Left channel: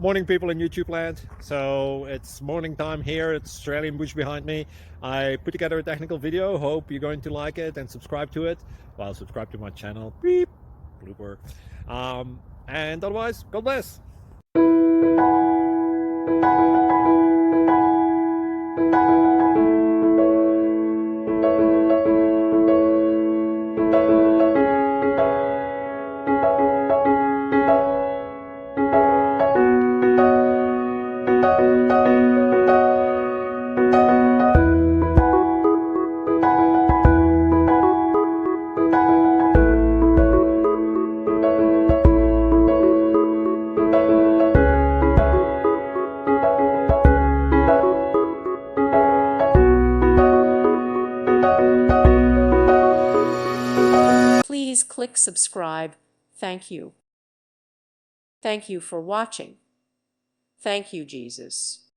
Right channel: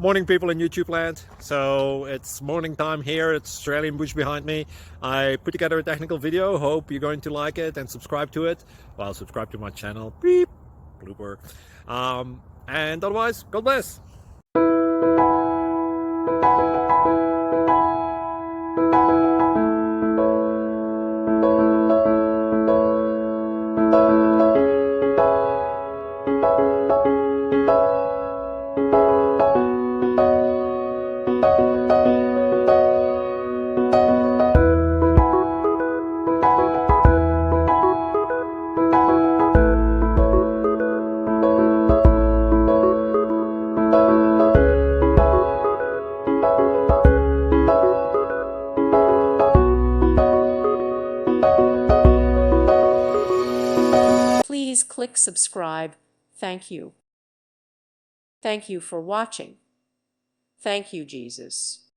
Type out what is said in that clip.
Morning, people in YouTube land. So it's morning time here. It's Australian bush behind me. I put together a technical video. Hope you're going to like it and subscribe to it. Well, subscribe to my channel. Beep. Blooper. And otherwise, God bless. Please click subscribe. Thank you. Thank you for watching. Thank you, Jesus.